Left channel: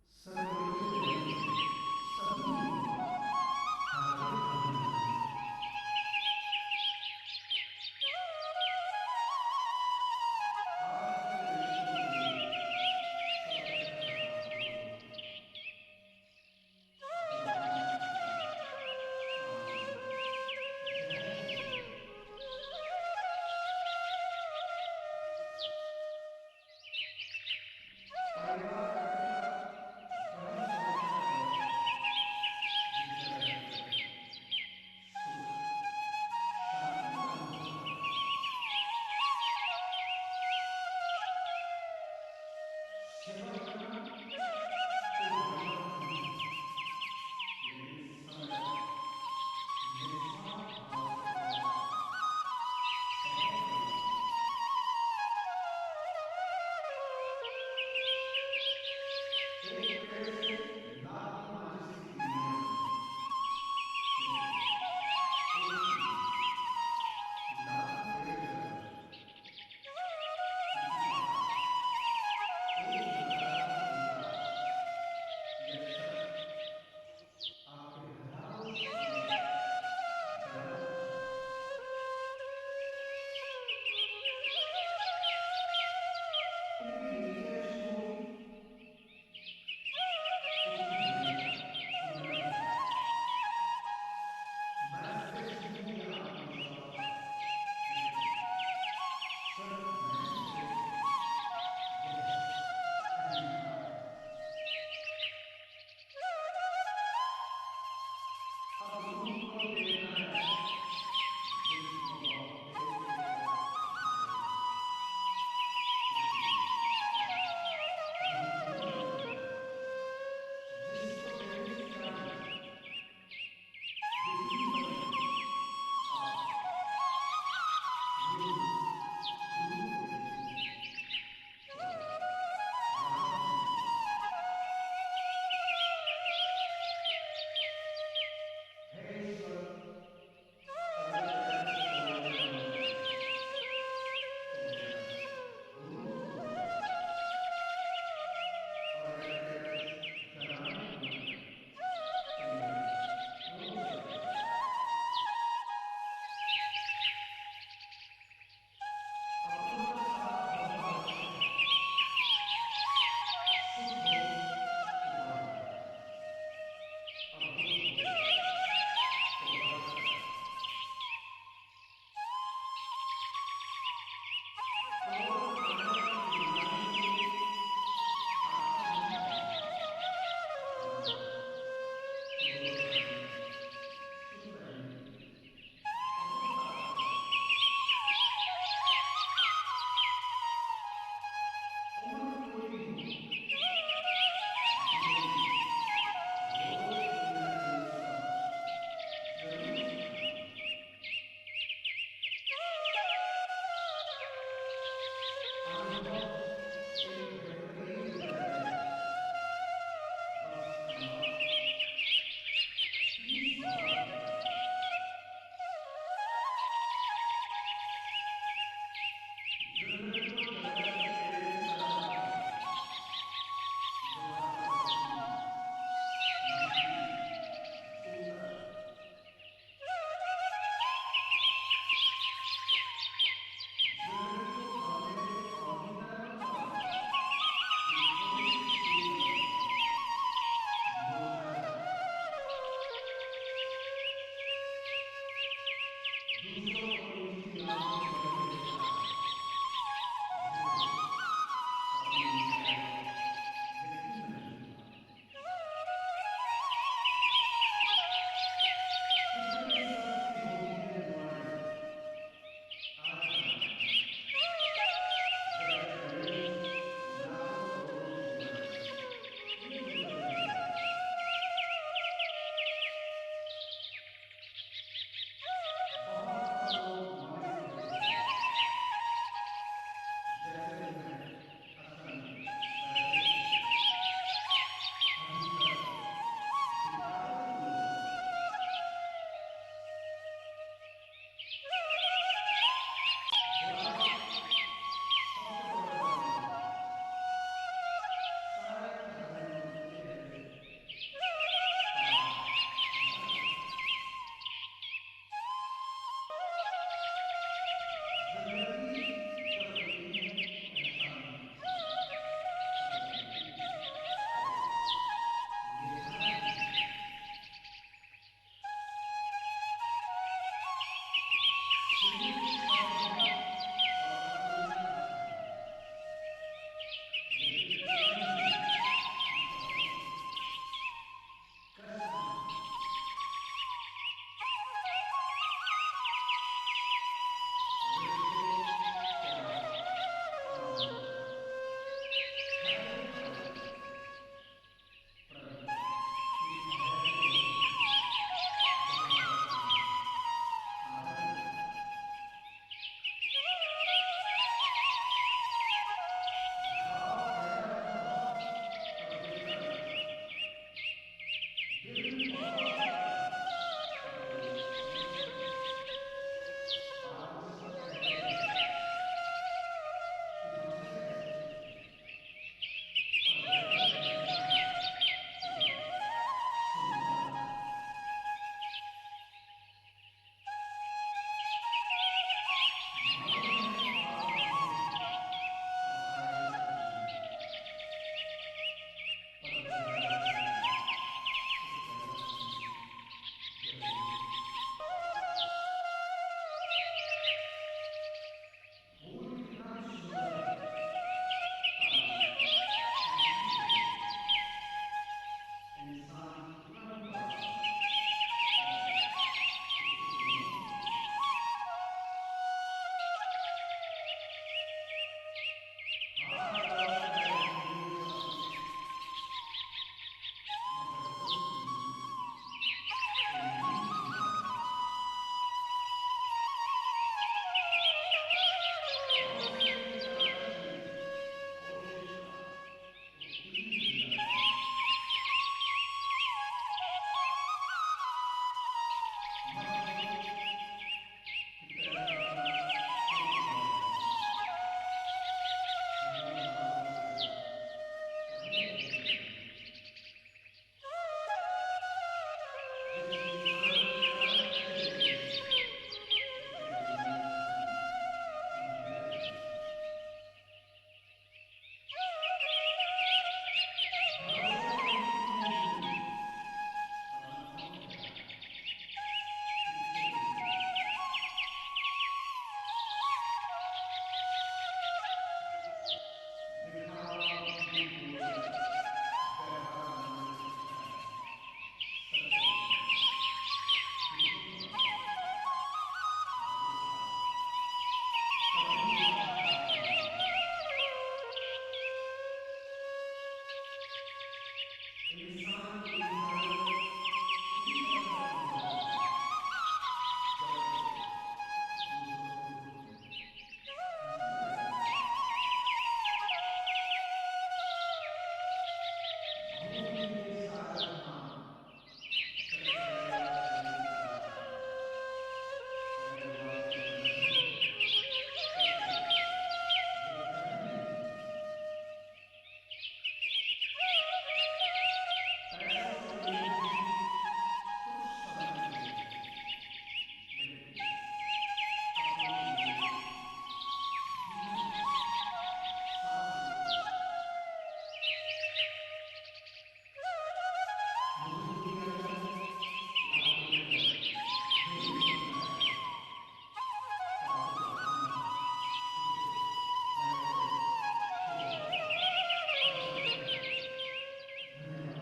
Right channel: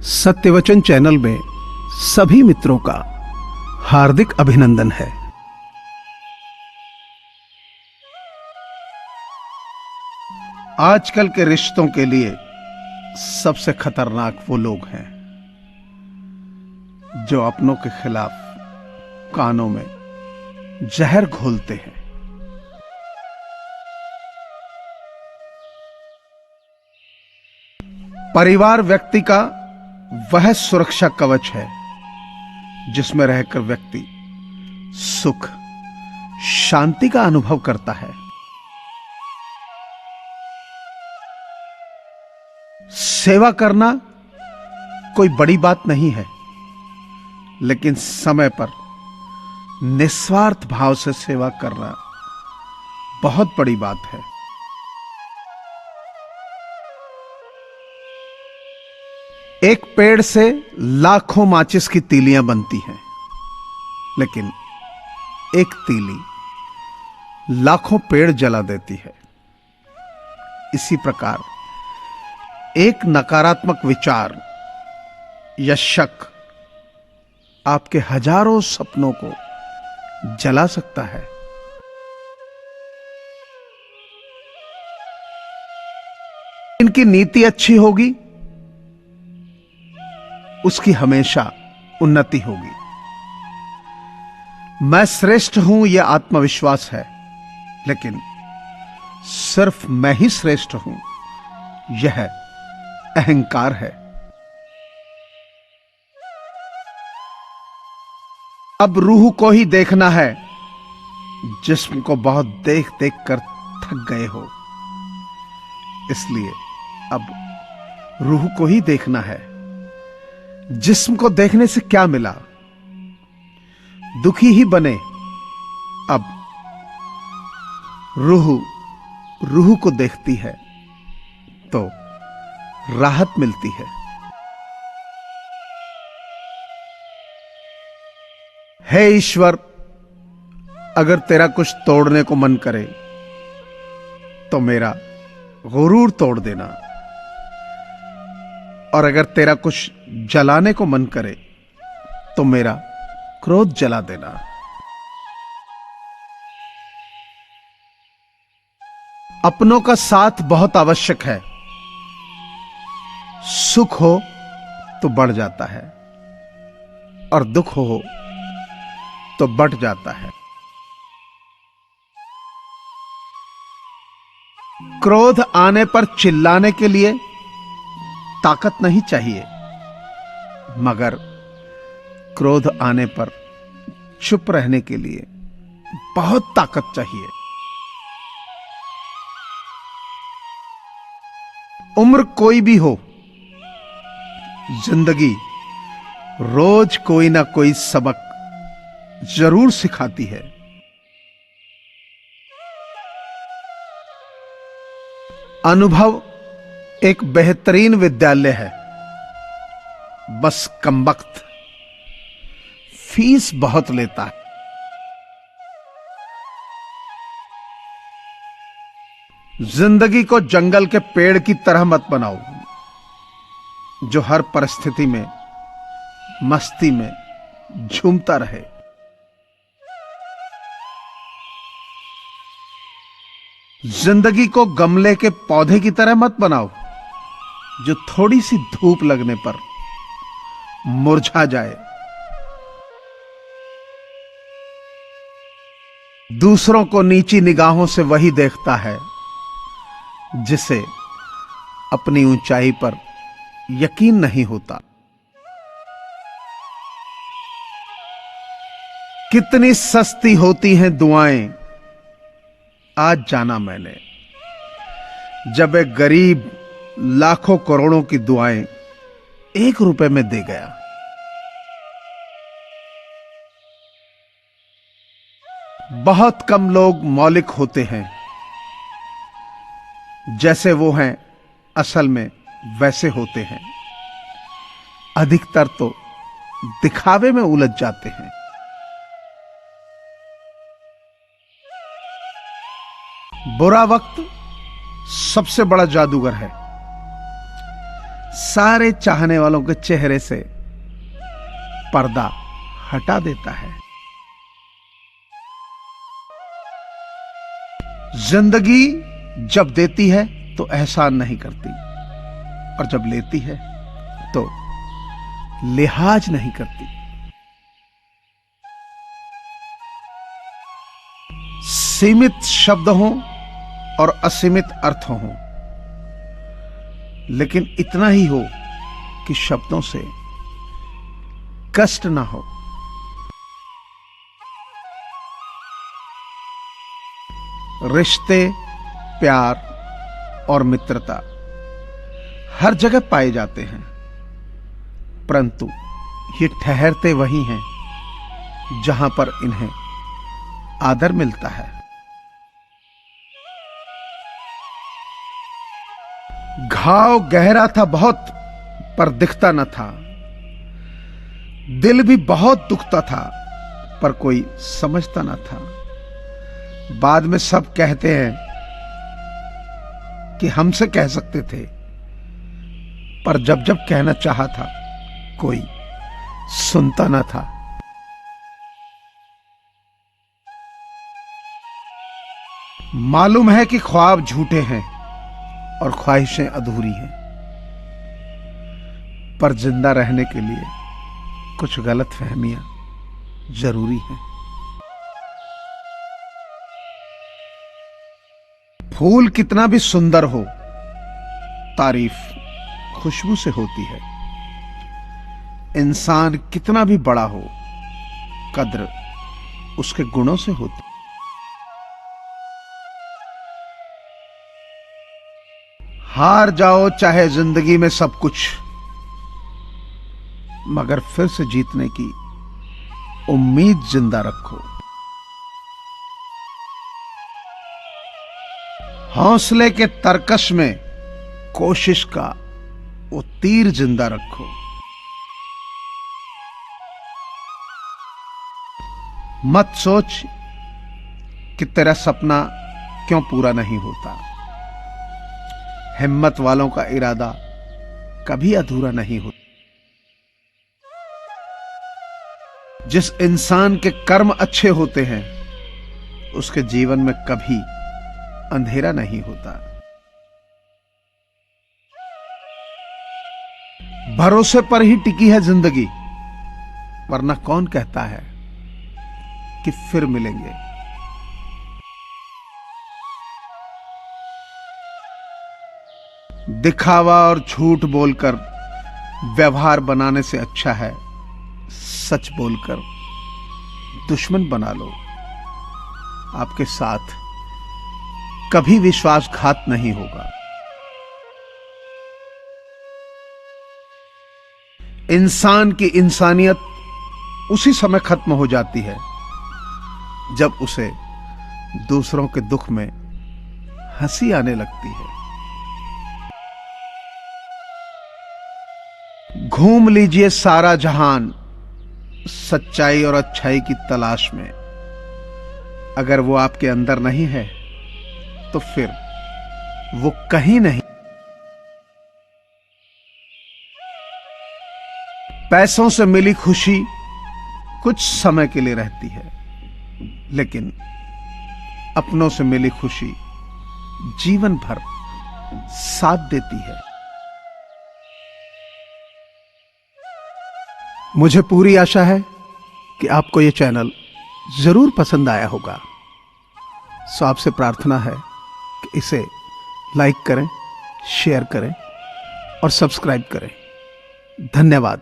सत्यवचन channel में सभी मित्रों का हार्दिक अभिनंदन है। आजकल के रिश्तों के लिए सबसे खतरनाक वो लोग हैं जो अपनों के खिलाफ कानों में जहर घोलते हैं। परिवार व्यक्ति का वह सुरक्षा कवच है जिसमें रहकर व्यक्ति सुख शांति का अनुभव करता है। सेवा करना कोई बड़ी बात नहीं है, लेकिन समय पर निस्वार्थ भाव से सेवा करना बहुत बड़ी बात है। एक पेड़ से लाखों माचिस की तीलियां बनती हैं, लेकिन एक तीली लाखों पेड़ जला देती है। इसी प्रकार एक नकारात्मक विचार या शक आपके हजारों सपनों को जला सकता है। इनकी नीति अच्छी होगी, उसकी हमेशा उन्नति होगी। मैं श्रेष्ठ हूं यह आत्मविश्वास है, लेकिन सिर्फ मैं ही श्रेष्ठ हूं यह अहंकार है। अब रूह को ही देखना है, जिस्म को बहुत देख देख कर थक गए हो। इसलिए अब रूह को ही देखना है। जिस्म को देखने से क्या मिला? दुखी ही बने। अब रूह को देखती है तो राहत मिलती है। हे ईश्वर, अगर तेरा कुछ तोड़ने को मन करे तो मेरा गुरूर तोड़ देना, और अगर तेरा कुछ जलाने को मन करे तो मेरा क्रोध जला देना। अपनों का साथ बहुत आवश्यक है। सुख हो तो बढ़ जाता है और दुख हो तो बढ़ जाता है। क्रोध आने पर चिल्लाने के लिए ताकत नहीं चाहिए, मगर क्रोध आने पर चुप रहने के लिए बहुत ताकत चाहिए। उम्र कोई भी हो, जिंदगी रोज कोई ना कोई सबक जरूर सिखाती है। अनुभव एक बेहतरीन विद्यालय है, बस कमबख्त फीस बहुत लेता है। जिंदगी को जंगल के पेड़ की तरह मत बनाओ जो हर परिस्थिति में मस्ती में झूमता रहे। जिंदगी को गमले के पौधे की तरह मत बनाओ जो थोड़ी सी धूप लगने पर मुरझा जाए। दूसरों को नीची निगाहों से वही देखता है जिसे अपनी ऊंचाई पर यकीन नहीं होता। कितनी सस्ती होती हैं दुआएं, आज जाना मैंने, जब एक गरीब लाखों करोड़ों की दुआएं 1 रुपए में दे गया। बहुत कम लोग मौलिक होते हैं, जैसे वो हैं असल में वैसे होते हैं। अधिकतर तो दिखावे में उलझ जाते हैं। बुरा वक्त सबसे बड़ा जादूगर है। सारे चाहने वालों के चेहरे से पर्दा हटा देता है। जिंदगी जब देती है तो एहसान नहीं करती, और जब लेती है तो लिहाज नहीं करती। सीमित शब्द हों और असीमित अर्थ हों, लेकिन इतना ही हो कि शब्दों से कष्ट ना हो। रिश्ते, प्यार और मित्रता हर जगह पाए जाते हैं, परंतु ये ठहरते वहीं हैं जहां पर इन्हें आदर मिलता है। घाव गहरा था बहुत, पर दिखता न था। दिल भी बहुत दुखता था, पर कोई समझता न था। बाद में सब कहते हैं कि हमसे कह सकते थे, पर जब जब कहना चाहा था कोई सुनता न था। मालूम है कि ख्वाब झूठे हैं और ख्वाहिशें अधूरी हैं, पर जिंदा रहने के लिए कुछ गलतफहमियां जरूरी हैं। फूल कितना भी सुंदर हो, तारीफ खुशबू से होती है। इंसान कितना भी बड़ा हो, कद्र उसके गुणों से होती है। हार जाओ चाहे जिंदगी में सब कुछ, मगर फिर से जीतने की उम्मीद जिंदा रखो। हौसले के तरकश में कोशिश का वो तीर जिंदा रखो। मत सोच कि तेरा सपना क्यों पूरा नहीं होता। हिम्मत वालों का इरादा कभी अधूरा नहीं होता। जिस इंसान के कर्म अच्छे होते हैं, उसके जीवन में कभी अंधेरा नहीं होता। भरोसे पर ही टिकी है जिंदगी, वरना कौन कहता है कि फिर मिलेंगे। दिखावा और झूठ बोलकर व्यवहार बनाने से अच्छा है सच बोलकर दुश्मन बना लो। आपके साथ कभी विश्वासघात नहीं होगा। इंसान की इंसानियत उसी समय खत्म हो जाती है जब उसे दूसरों के दुख में हंसी आने लगती है। घूम लीजिए सारा जहान सच्चाई और अच्छाई की तलाश में। अगर वो आपके अंदर नहीं है तो फिर वो कहीं नहीं। पैसों से मिली खुशी कुछ समय के लिए रहती है, लेकिन अपनों से मिली खुशी जीवन भर साथ देती है। मुझे पूरी आशा है कि आपको यह चैनल जरूर पसंद आया होगा। सो आपसे प्रार्थना है कि इसे लाइक करें, शेयर करें और सब्सक्राइब करें। धन्यवाद।